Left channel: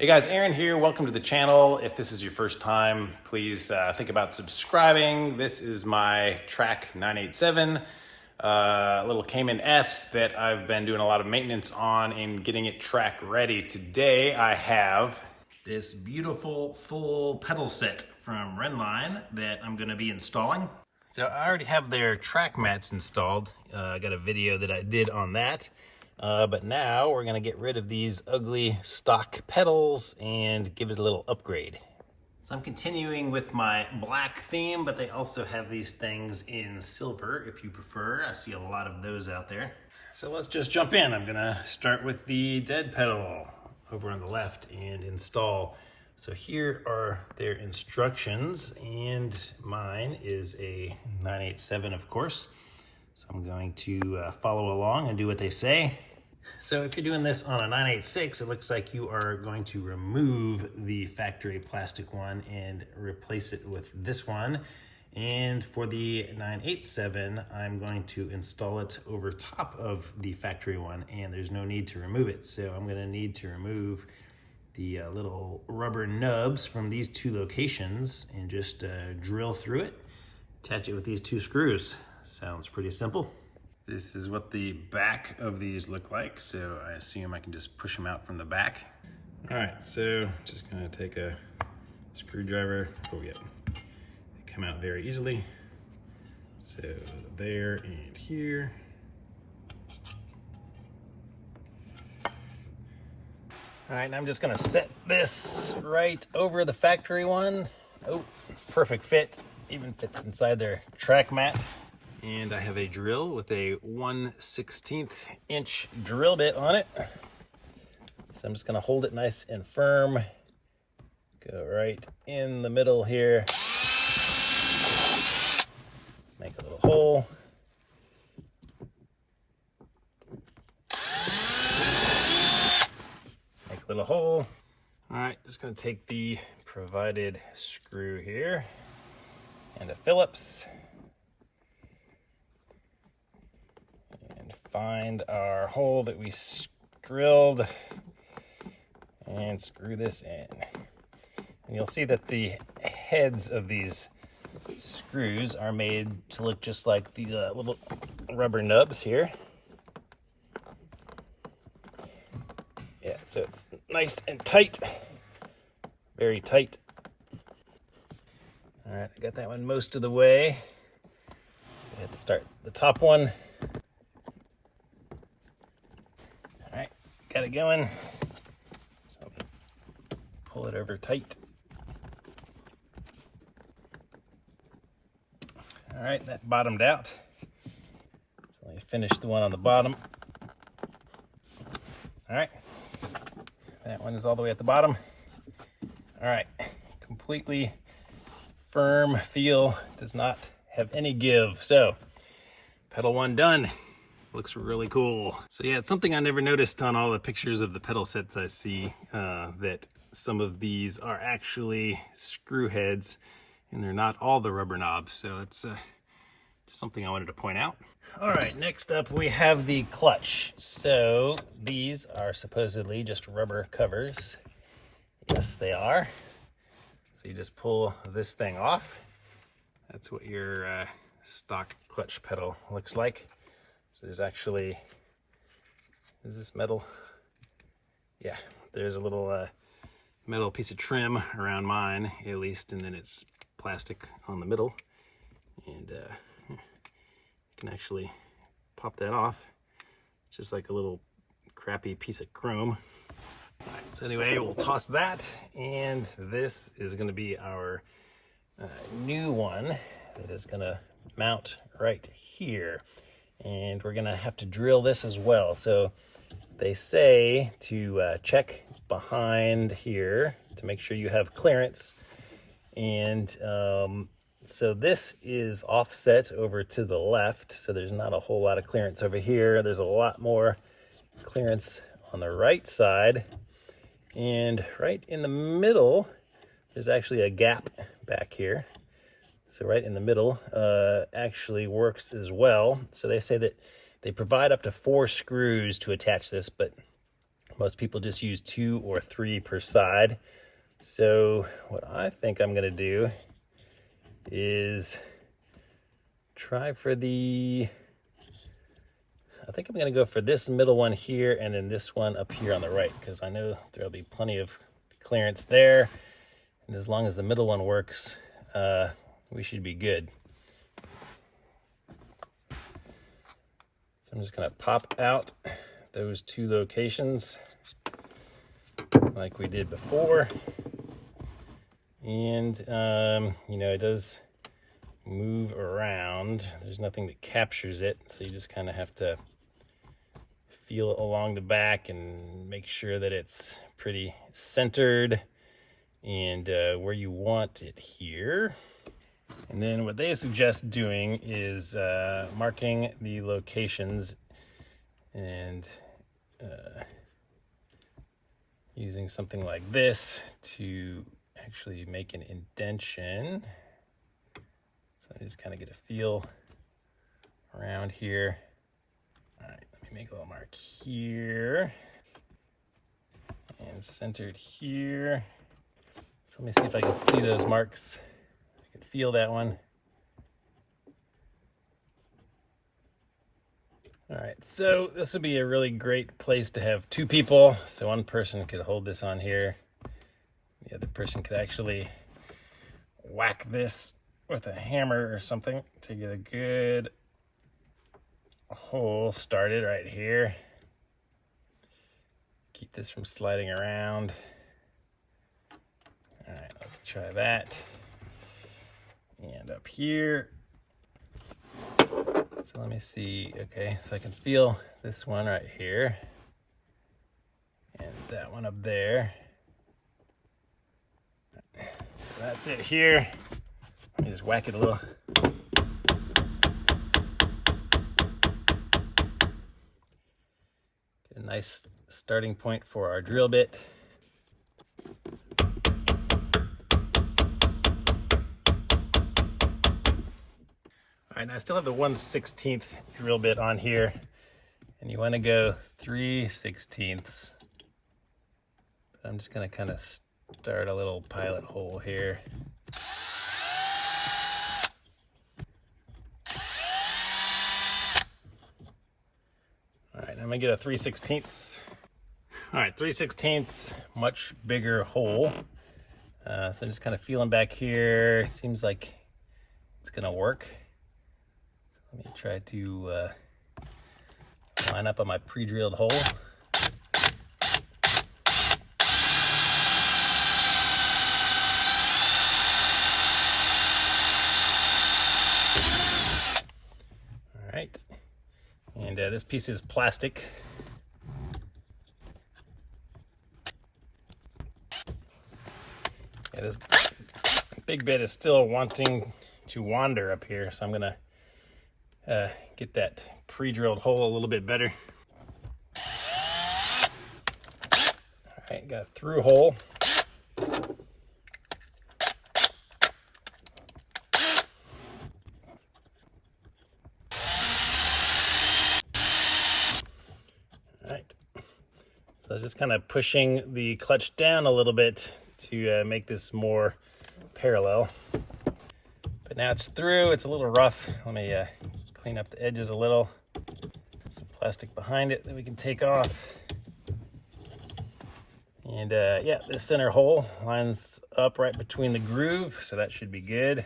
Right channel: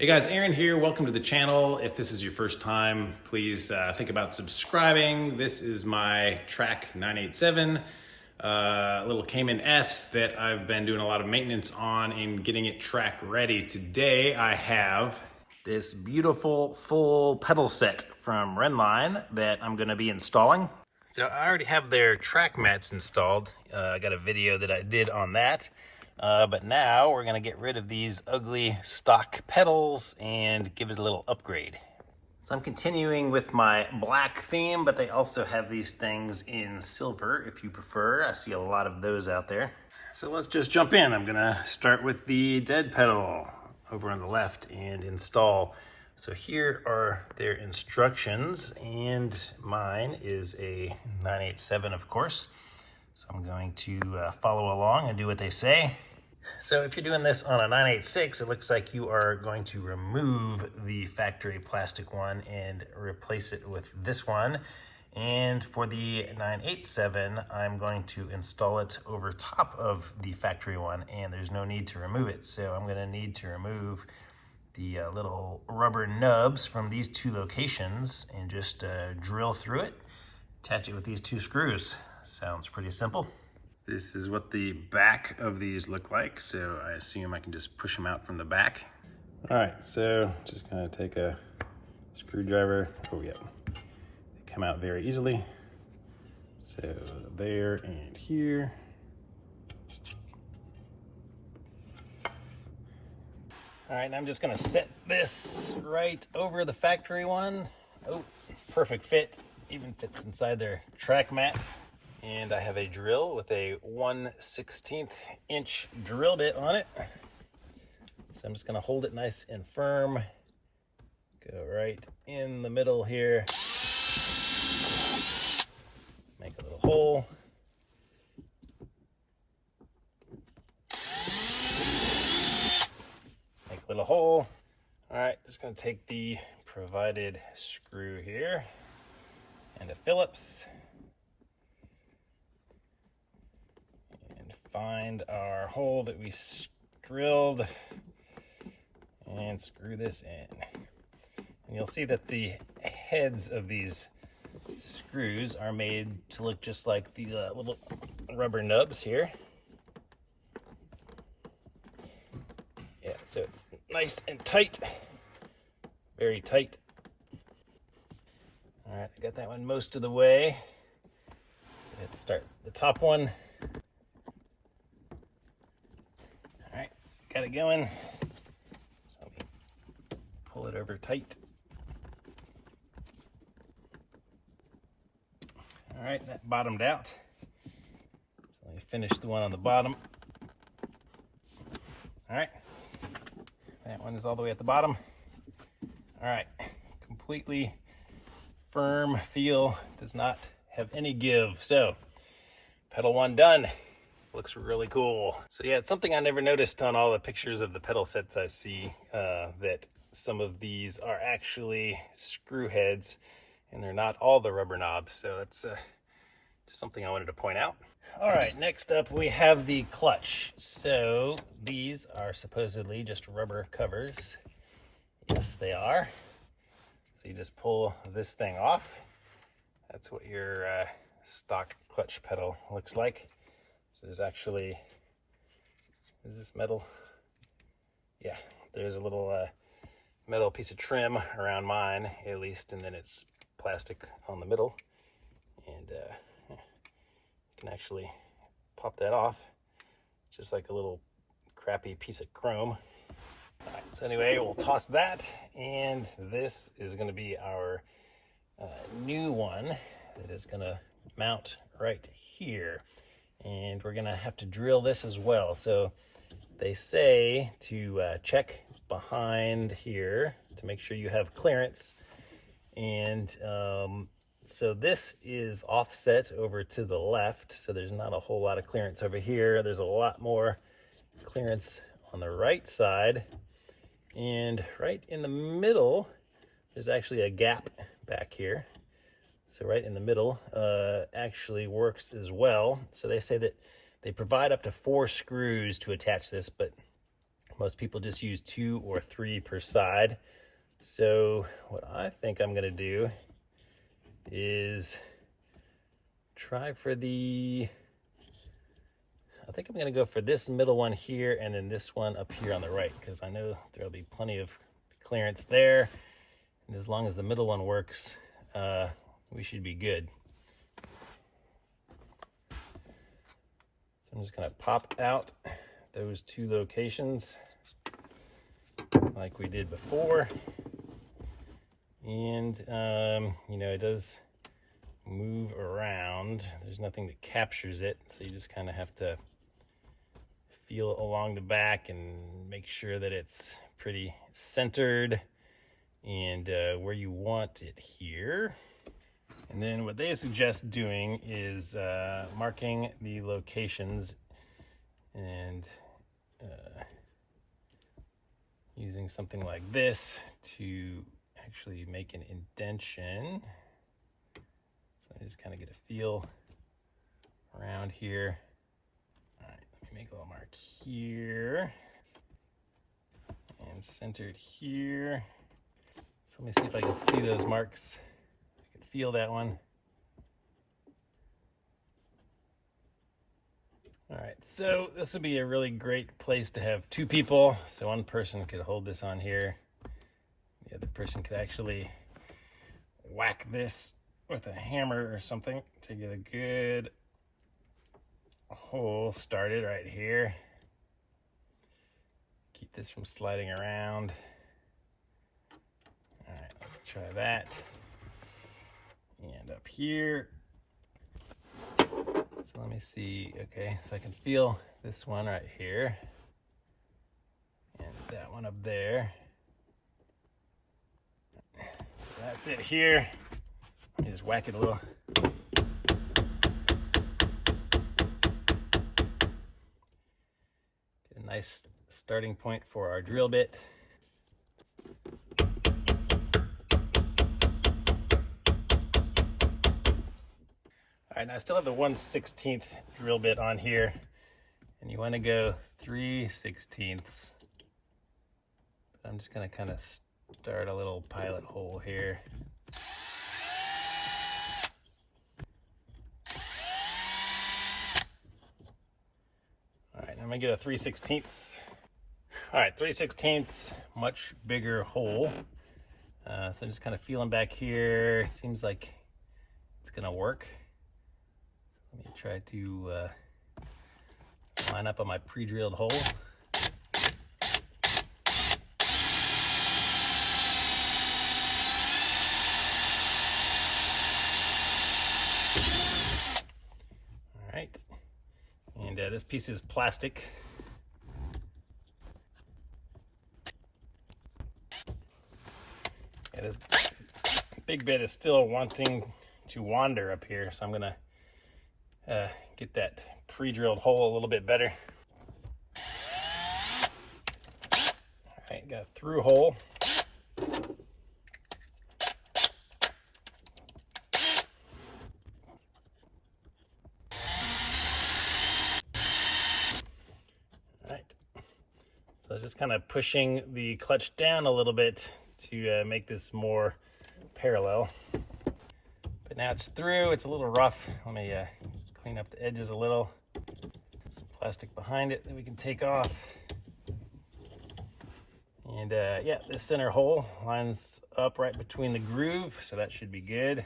Hey guys, Aaron here. Welcome to the channel. If this is your first time, please think about subscribing. This is my Track 987, little Cayman S that I've been doing a lot of maintenance on and getting it track ready. Today I have this beautiful full pedal set from Rennline that I'm going to be installing. So I already have their track mats installed. I got a video that I did on that. But now we're gonna get rid of these ugly stock pedals and give it a little upgrade. So I'm continuing with my black theme, but they also have these things in silver if you prefer. I see a lot of those out there. So let's just jump in. I'm gonna start with the dead pedal over on the left and install. So here are their instructions, and mine is a 987, of course. So I'm going to follow along and do what they say. So if you're doing this on a 986, it looks like you are going to remove the factory plastic one and replace it with this one. And for the 987, I'm going to install it over top of the factory one, and there's no need to remove it. So I'm gonna need to remove the little rubber nubs from these two locations and just drill through it, attach it with these two screws. Sounds pretty simple. This is what the back of these look like, so I assume I can just push them out from the back. All right, so just gonna take a screwdriver. Oh yeah, they come out very easily. So there and here. All right, now I'm just gonna set this right over the factory one. Oh, perfect fit, even fits inside their track mat. And I have a drill with a 1/16 inch drill bit on it. So I'm just gonna hold it nice and firm. Go right in the middle here. Make a little hole. Make a little hole. All right, just gonna take the provided screw here and a Phillips. Find our hole that we drilled and screw this in. And you'll see that the heads of these screws are made to look just like the little rubber nubs here. Yeah, so it's nice and tight, very tight. All right, I got that one most of the way. Let's start the top one. Got it going. So pull it over tight. All right, that bottomed out. So let me finish the one on the bottom. All right, that one is all the way at the bottom. All right, completely firm feel, does not have any give. So pedal one done. Looks really cool. So yeah, it's something I never noticed on all the pictures of the pedal sets I see, that some of these are actually screw heads and they're not all the rubber knobs. So that's just something I wanted to point out. All right, next up we have the clutch. So these are supposedly just rubber covers. Yes, they are. So you just pull this thing off. That's what your stock clutch pedal looks like. So there's actually, is this metal? Yeah, there's a little metal piece of trim around mine, at least, and then it's plastic on the middle. And you can actually pop that off. It's just like a little crappy piece of chrome. All right, so anyway, we'll toss that, and this is gonna be our new one that is gonna mount right here. And we're gonna have to drill this as well. So they say to check behind here to make sure you have clearance. And so this is offset over to the left, so there's not a whole lot of clearance over here. There's a lot more clearance on the right side. And right in the middle, there's actually a gap back here. So right in the middle actually works as well. So they say that they provide up to 4 screws to attach this, but Most people just use 2 or 3 per side. So what I think I'm gonna do is try for I think I'm gonna go for this middle one here and then this one up here on the right, because I know there'll be plenty of clearance there. And as long as the middle one works, we should be good. So I'm just gonna pop out those 2 locations like we did before. And, you know, it does move around. There's nothing that captures it, so you just kind of have to feel it along the back and make sure that it's pretty centered and where you want it here. And then what they suggest doing is marking the locations and using something like this to actually make an indentation. So I just kind of get a feel around here. All right, let me make a little mark here and centered here. So let me see if I can see those marks. I can feel that one. All right, so this would be a really great place to have 2 people. So one person could hold this on here. The other person could actually whack this with a hammer or something to get a good hole started right here. Keep this from sliding around. All right, let's try that. And up here. So let me see, okay, so I can feel this one right here. And that one up there. So that's it here. Let me just whack it a little. Get a nice starting point for our drill bit. All right, now I still have the 1/16 drill bit on here, and you want to go 3/16. But I'm just going to kind of start a little pilot hole here. All right, I'm going to get a 3/16. All right, 3/16, much bigger hole. So I'm just kind of feeling back here. Seems like it's going to work. Let me try to line up on my pre-drilled hole. All right, and this piece is plastic. Yeah, this big bit is still wanting to wander up here, so I'm gonna get that pre-drilled hole a little bit better. All right, got a through hole. All right, so I was just kind of pushing the clutch down a little bit to make this more parallel. But now it's through, it's a little rough. Let me clean up the edges a little. Some plastic behind it that we can take off. And yeah, this center hole lines up right between the groove, so that should be good.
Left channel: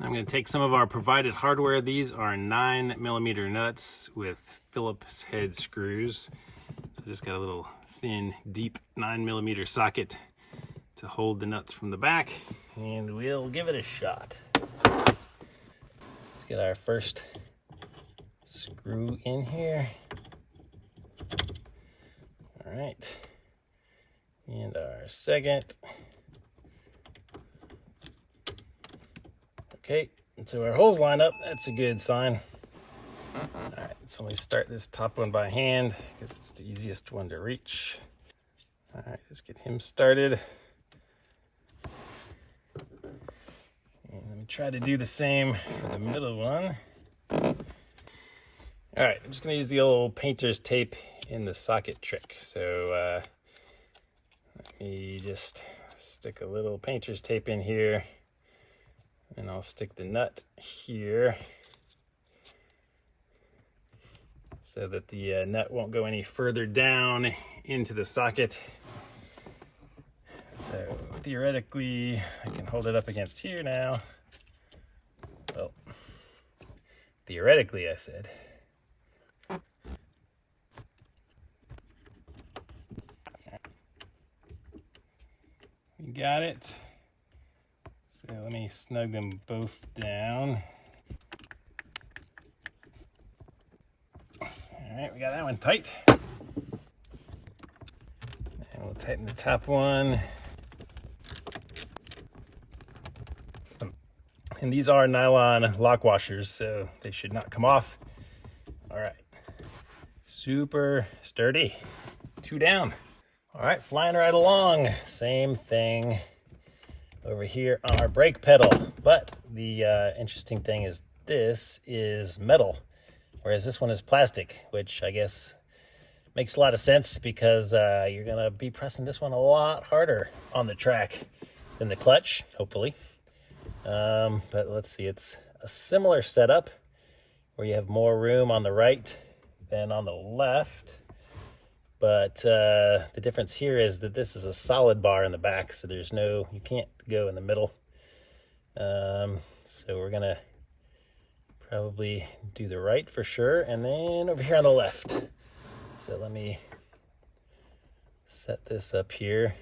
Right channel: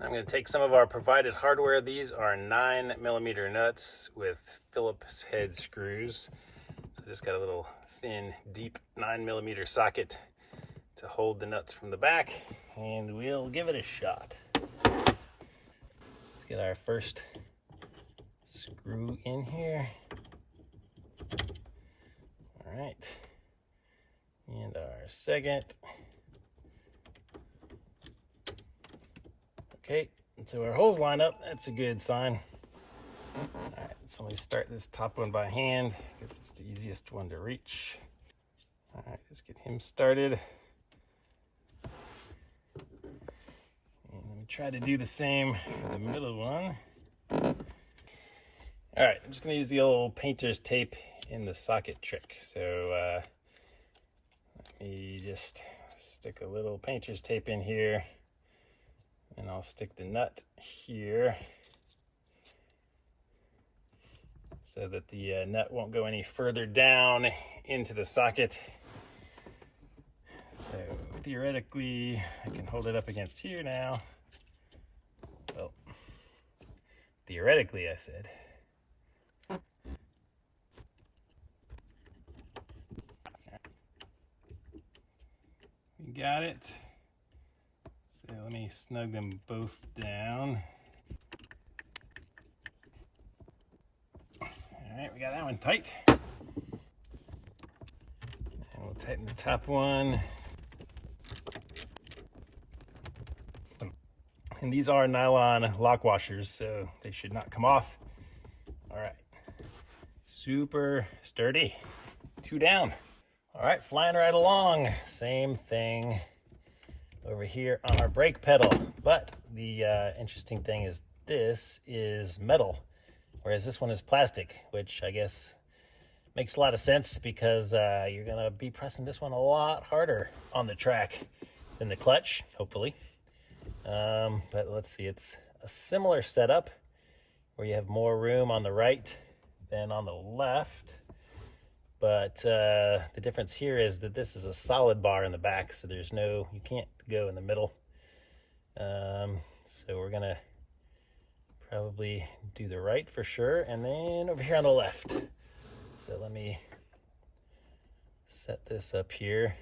I'm going to take some of our provided hardware. These are 9mm nuts with Phillips head screws. So just got a little thin, deep 9mm socket to hold the nuts from the back, and we'll give it a shot. Let's get our first screw in here. All right, and our second. Okay, so our holes line up. That's a good sign. All right, so we start this top one by hand because it's the easiest one to reach. All right, just get him started. And let me try to do the same for the middle one. All right, I'm just gonna use the old painter's tape in the socket trick. So let me just stick a little painter's tape in here, and I'll stick the nut here so that the nut won't go any further down into the socket. So theoretically, I can hold it up against here now. Well, theoretically, I said. We got it. So let me snug them both down. All right, we got that one tight. And we'll tighten the top one. And these are nylon lock washers, so they should not come off. All right, super sturdy. 2 down. All right, flying right along. Same thing over here on our brake pedal. But the interesting thing is this is metal, whereas this one is plastic, which I guess makes a lot of sense because you're gonna be pressing this one a lot harder on the track than the clutch, hopefully. But let's see, it's a similar setup where you have more room on the right than on the left. But the difference here is that this is a solid bar in the back, so there's no, you can't go in the middle. So we're gonna probably do the right for sure, and then over here on the left. So let me set this up here.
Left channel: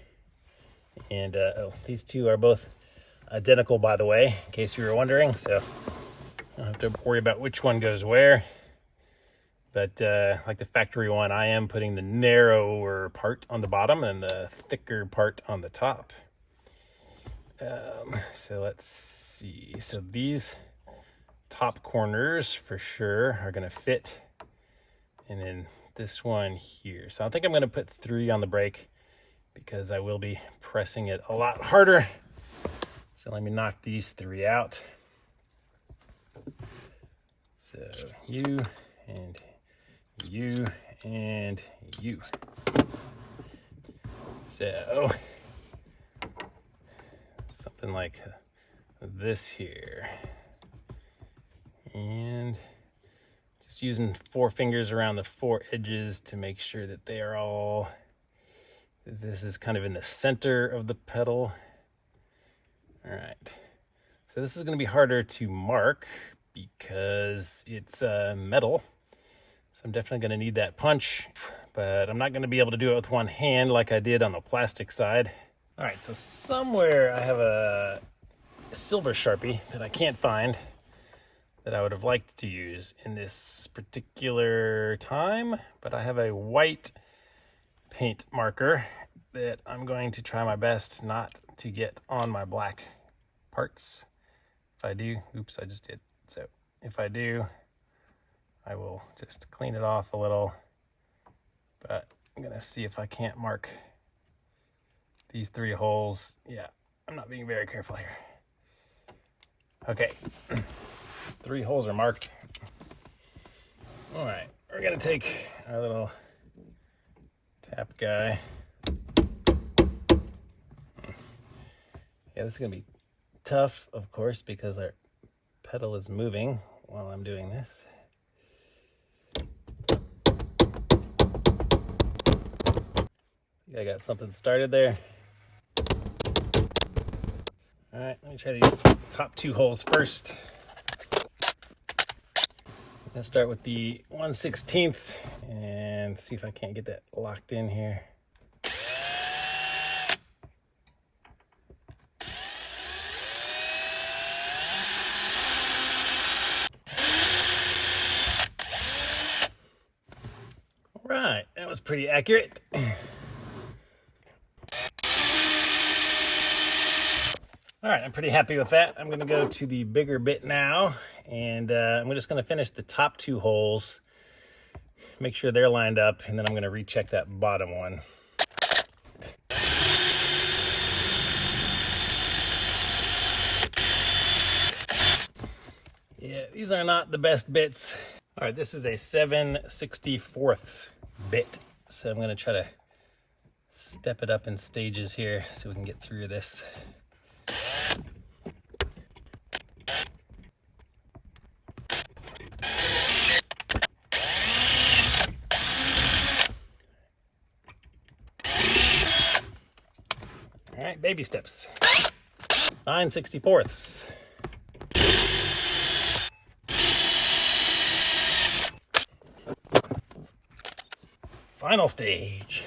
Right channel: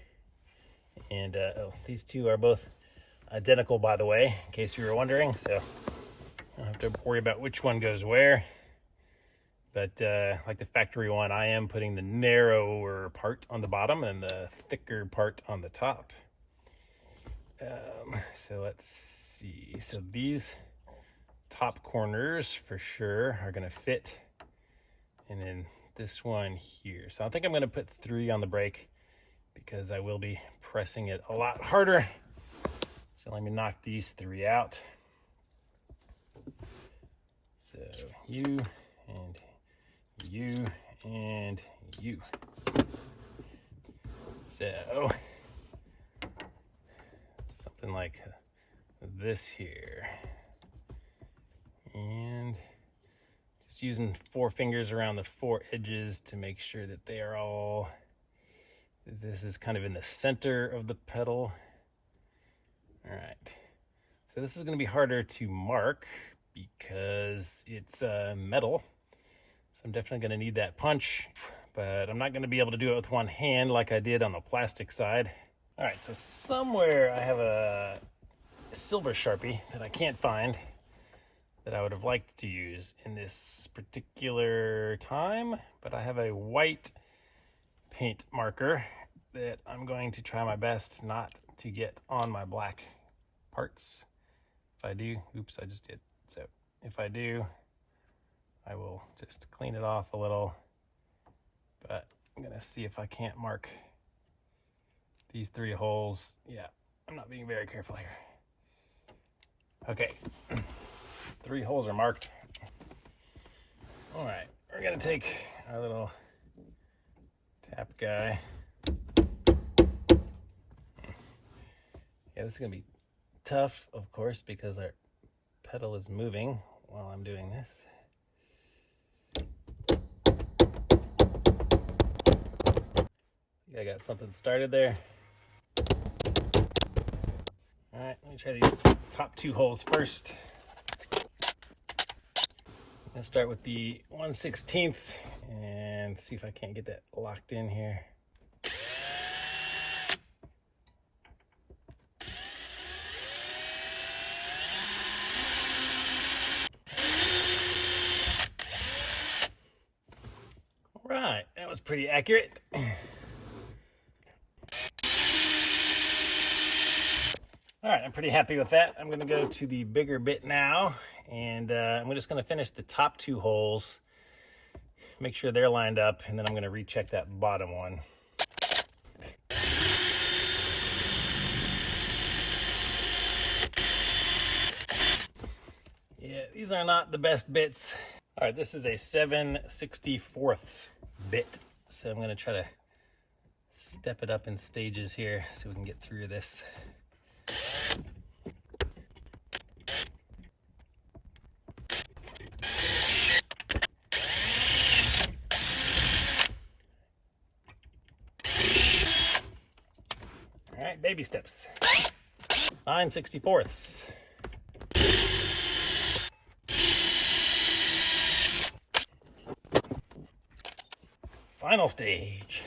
And oh, these two are both identical, by the way, in case you were wondering. So I don't have to worry about which one goes where. But like the factory one, I am putting the narrower part on the bottom and the thicker part on the top. So let's see. So these top corners for sure are going to fit. And then this one here. So I think I'm going to put 3 on the brake because I will be pressing it a lot harder. So let me knock these 3 out. So you and you and you. So something like this here. And just using 4 fingers around the 4 edges to make sure that they are all, this is kind of in the center of the pedal. All right, so this is going to be harder to mark because it's metal. So I'm definitely going to need that punch, but I'm not going to be able to do it with one hand like I did on the plastic side. All right, so somewhere I have a silver Sharpie that I can't find that I would have liked to use in this particular time, but I have a white paint marker that I'm going to try my best not to get on my black parts. If I do, oops, I just did. So if I do, I will just clean it off a little, but I'm gonna see if I can't mark these 3 holes. Yeah, I'm not being very careful here. Okay, 3 holes are marked. All right, we're gonna take our little tap guy. Yeah, this is gonna be tough, of course, because our pedal is moving while I'm doing this. I got something started there. All right, let me try these top 2 holes first. I'm gonna start with the 1/16 and see if I can't get that locked in here. Right, that was pretty accurate. All right, I'm pretty happy with that. I'm gonna go to the bigger bit now, and I'm just gonna finish the top 2 holes, make sure they're lined up, and then I'm gonna recheck that bottom one. Yeah, these are not the best bits. All right, this is a 7/64 bit. So I'm going to try to step it up in stages here so we can get through this. All right, baby steps. 9/64. Final stage.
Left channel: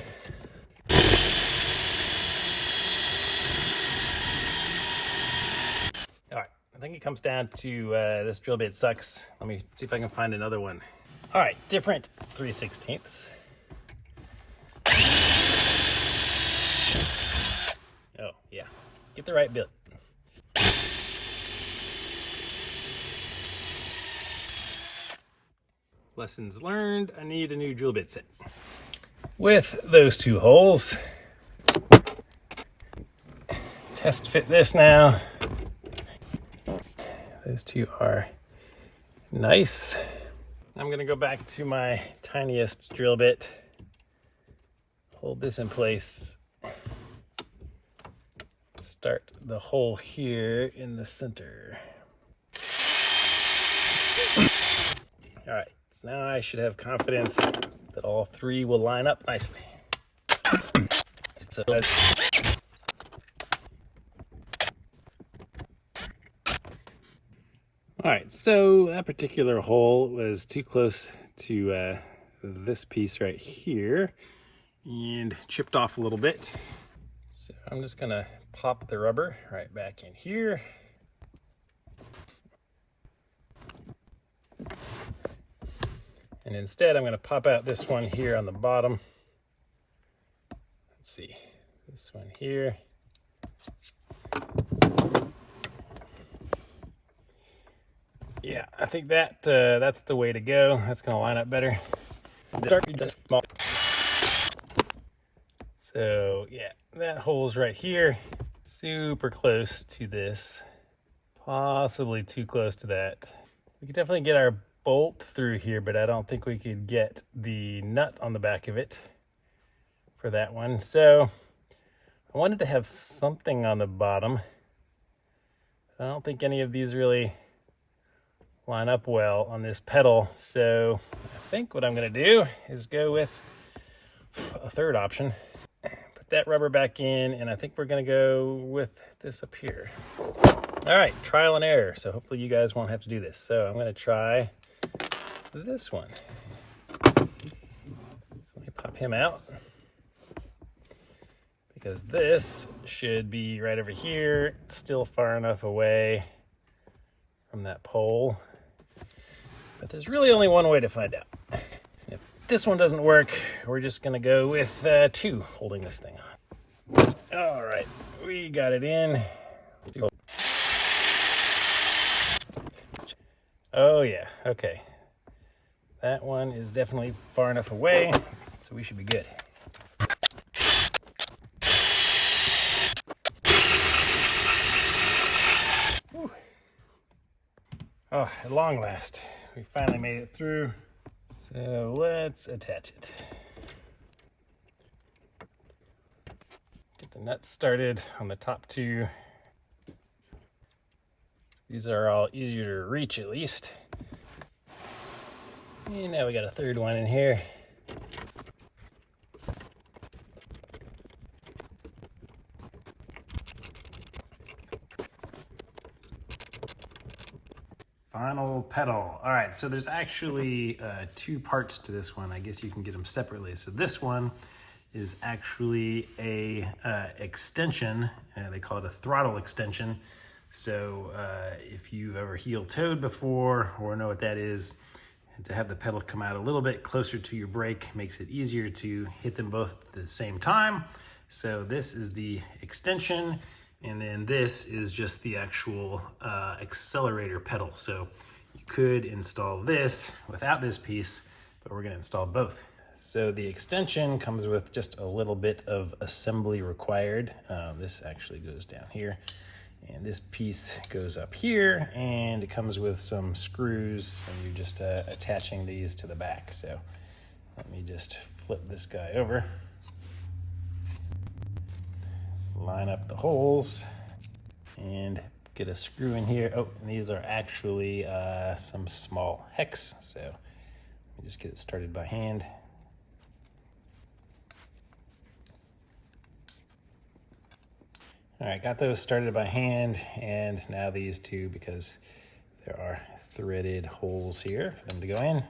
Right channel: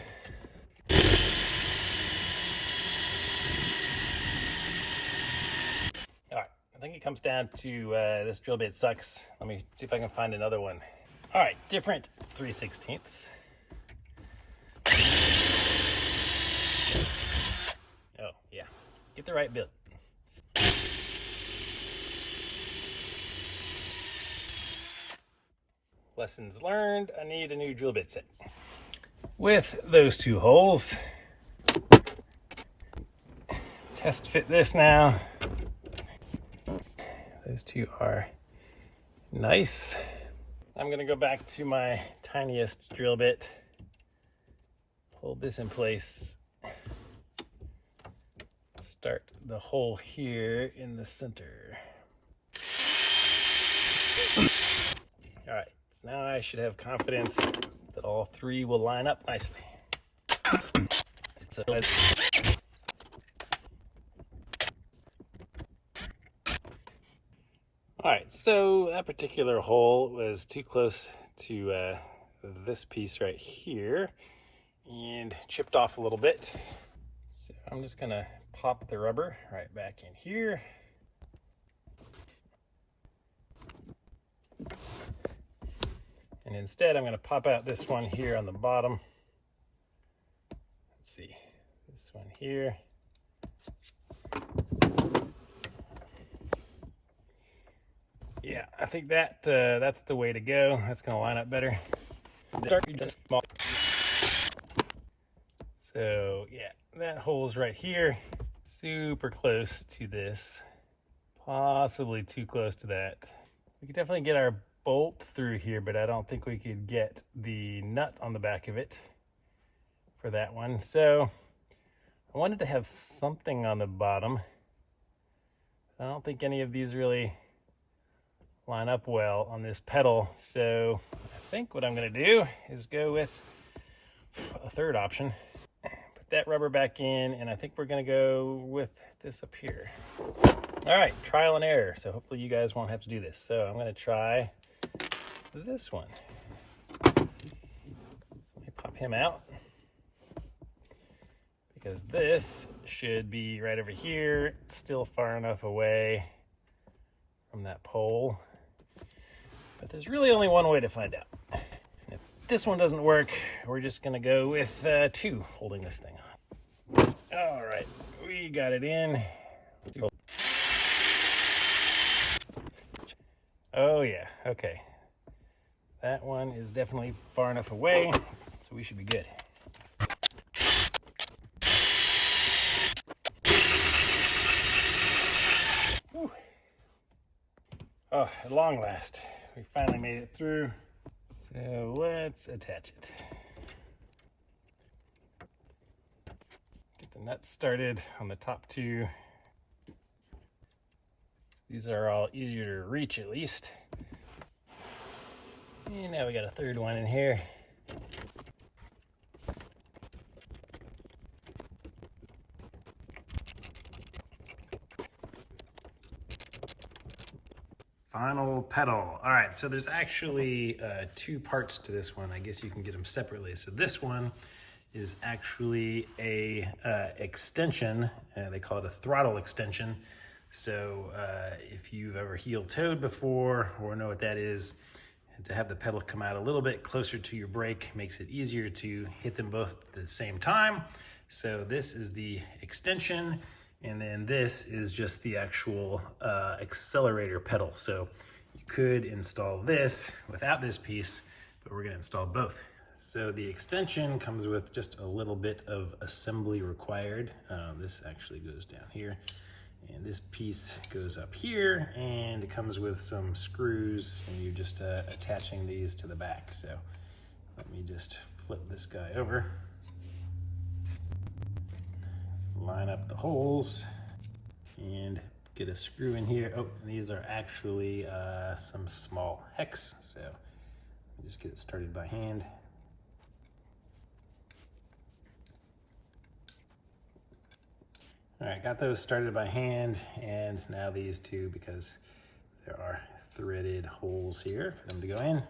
All right, I think it comes down to this drill bit sucks. Let me see if I can find another one. All right, different 3/16. Oh, yeah, get the right bit. Lessons learned, I need a new drill bit set. With those two holes, test fit this now. Those two are nice. I'm gonna go back to my tiniest drill bit, hold this in place, start the hole here in the center. All right, so now I should have confidence that all three will line up nicely. So all right, so that particular hole was too close to this piece right here and chipped off a little bit. So I'm just gonna pop the rubber right back in here. And instead, I'm going to pop out this one here on the bottom. Let's see, this one here. Yeah, I think that that's the way to go. That's going to line up better. So yeah, that hole's right here. Super close to this. Possibly too close to that. We could definitely get our bolt through here, but I don't think we could get the nut on the back of it for that one. So I wanted to have something on the bottom. I don't think any of these really line up well on this pedal. So I think what I'm going to do is go with a third option. Put that rubber back in, and I think we're going to go with this up here. All right, trial and error. So hopefully you guys won't have to do this. So I'm going to try this one. So let me pop him out, because this should be right over here, still far enough away from that pole. But there's really only one way to find out. If this one doesn't work, we're just gonna go with two holding this thing on. All right, we got it in. Oh yeah, okay. That one is definitely far enough away, so we should be good. Whew. Oh, at long last, we finally made it through. So let's attach it. Get the nuts started on the top two. These are all easier to reach at least. And now we got a third one in here. Final pedal. All right, so there's actually two parts to this one. I guess you can get them separately. So this one is actually a extension. They call it a throttle extension. So if you've ever heel-toed before or know what that is, to have the pedal come out a little bit closer to your brake makes it easier to hit them both at the same time. So this is the extension, and then this is just the actual accelerator pedal. So you could install this without this piece, but we're gonna install both. So the extension comes with just a little bit of assembly required. This actually goes down here. And this piece goes up here, and it comes with some screws, and you're just attaching these to the back. So let me just flip this guy over, line up the holes, and get a screw in here. Oh, and these are actually some small hex, so let me just get it started by hand. All right, got those started by hand, and now these two, because there are threaded holes here for them to go in.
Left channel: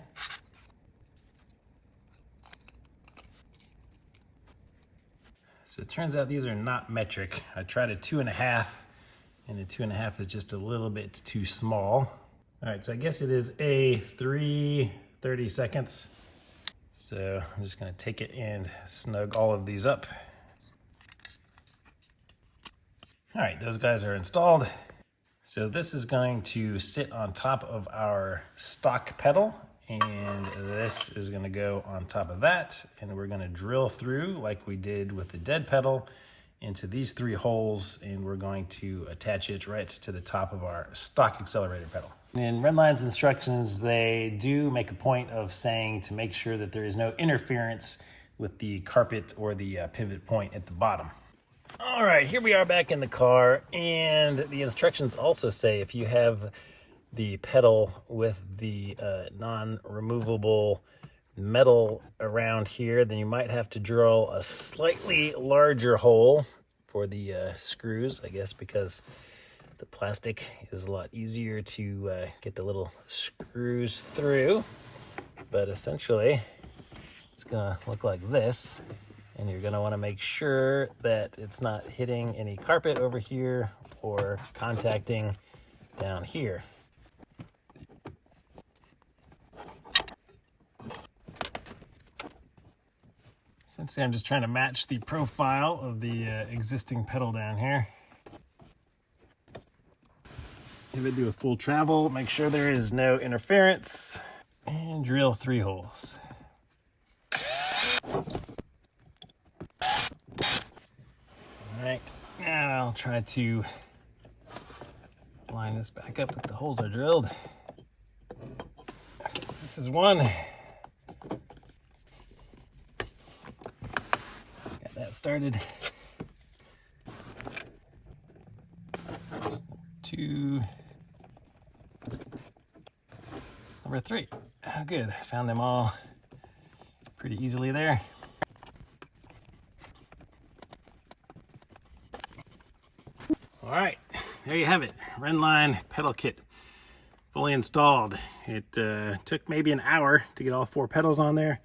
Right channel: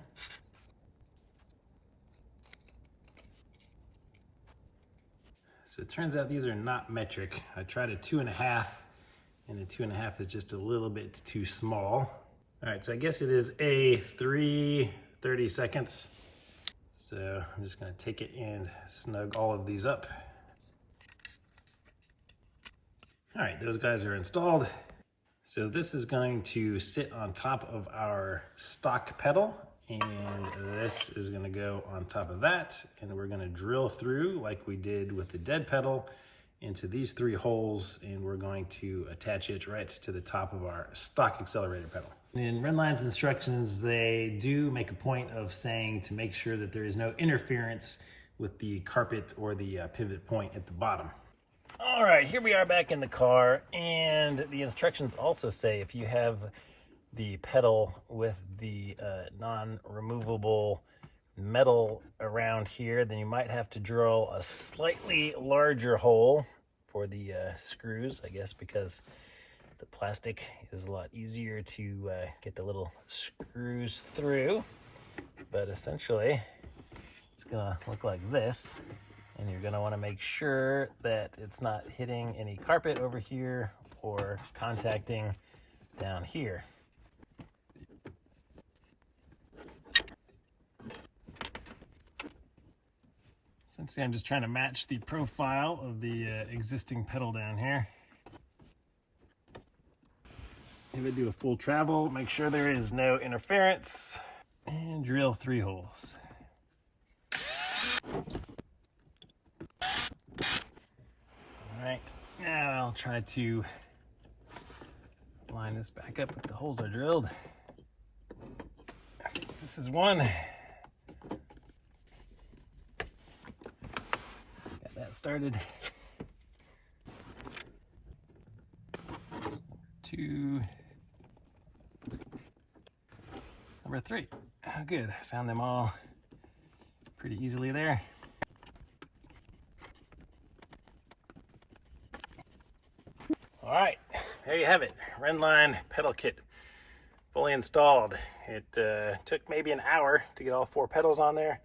So it turns out these are not metric. I tried a 2.5, and the 2.5 is just a little bit too small. All right, so I guess it is a 3/32. So I'm just gonna take it and snug all of these up. All right, those guys are installed. So this is going to sit on top of our stock pedal, and this is gonna go on top of that, and we're gonna drill through like we did with the dead pedal into these 3 holes, and we're going to attach it right to the top of our stock accelerator pedal. In Rennline's instructions, they do make a point of saying to make sure that there is no interference with the carpet or the pivot point at the bottom. All right, here we are back in the car, and the instructions also say if you have the pedal with the non-removable metal around here, then you might have to drill a slightly larger hole for the screws, I guess, because the plastic is a lot easier to get the little screws through. But essentially, it's gonna look like this. And you're gonna wanna make sure that it's not hitting any carpet over here or contacting down here. Essentially, I'm just trying to match the profile of the existing pedal down here. If I do a full travel, make sure there is no interference, and drill 3 holes. Alright, now I'll try to line this back up if the holes are drilled. This is 1. Got that started. 2. Number 3. Oh, good. Found them all pretty easily there. All right, there you have it. Rennline pedal kit, fully installed. It took maybe an hour to get all 4 pedals on there.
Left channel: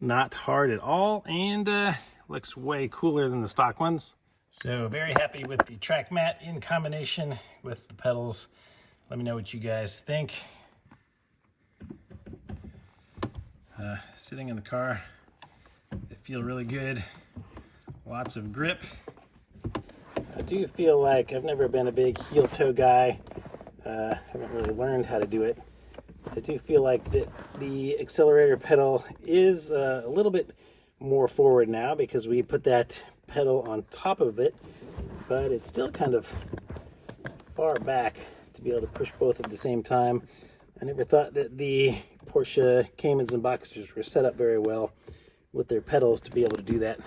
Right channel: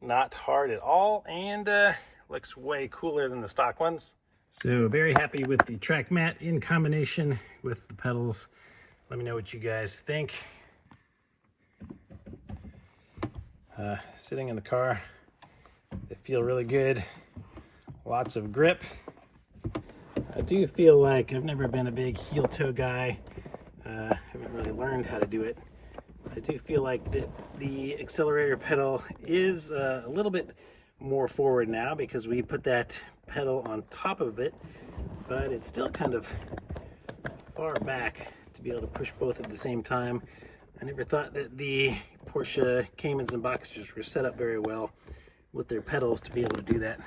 Not hard at all, and looks way cooler than the stock ones. So very happy with the track mat in combination with the pedals. Let me know what you guys think. Sitting in the car, they feel really good. Lots of grip. I do feel like I've never been a big heel toe guy. Haven't really learned how to do it. I do feel like the accelerator pedal is a little bit more forward now because we put that pedal on top of it, but it's still kind of far back to be able to push both at the same time. I never thought that the Porsche Caymans and Boxsters were set up very well with their pedals to be able to do that.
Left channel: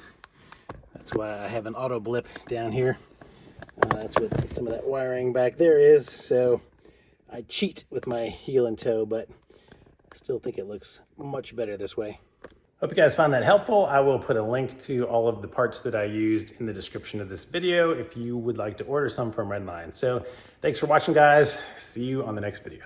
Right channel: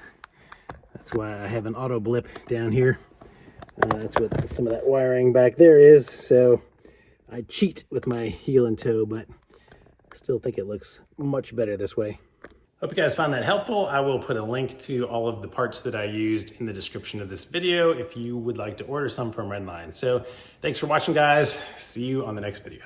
That's why I have an auto blip down here. That's what some of that wiring back there is. So I cheat with my heel and toe, but I still think it looks much better this way. Hope you guys found that helpful. I will put a link to all of the parts that I used in the description of this video if you would like to order some from Rennline. So thanks for watching, guys. See you on the next video.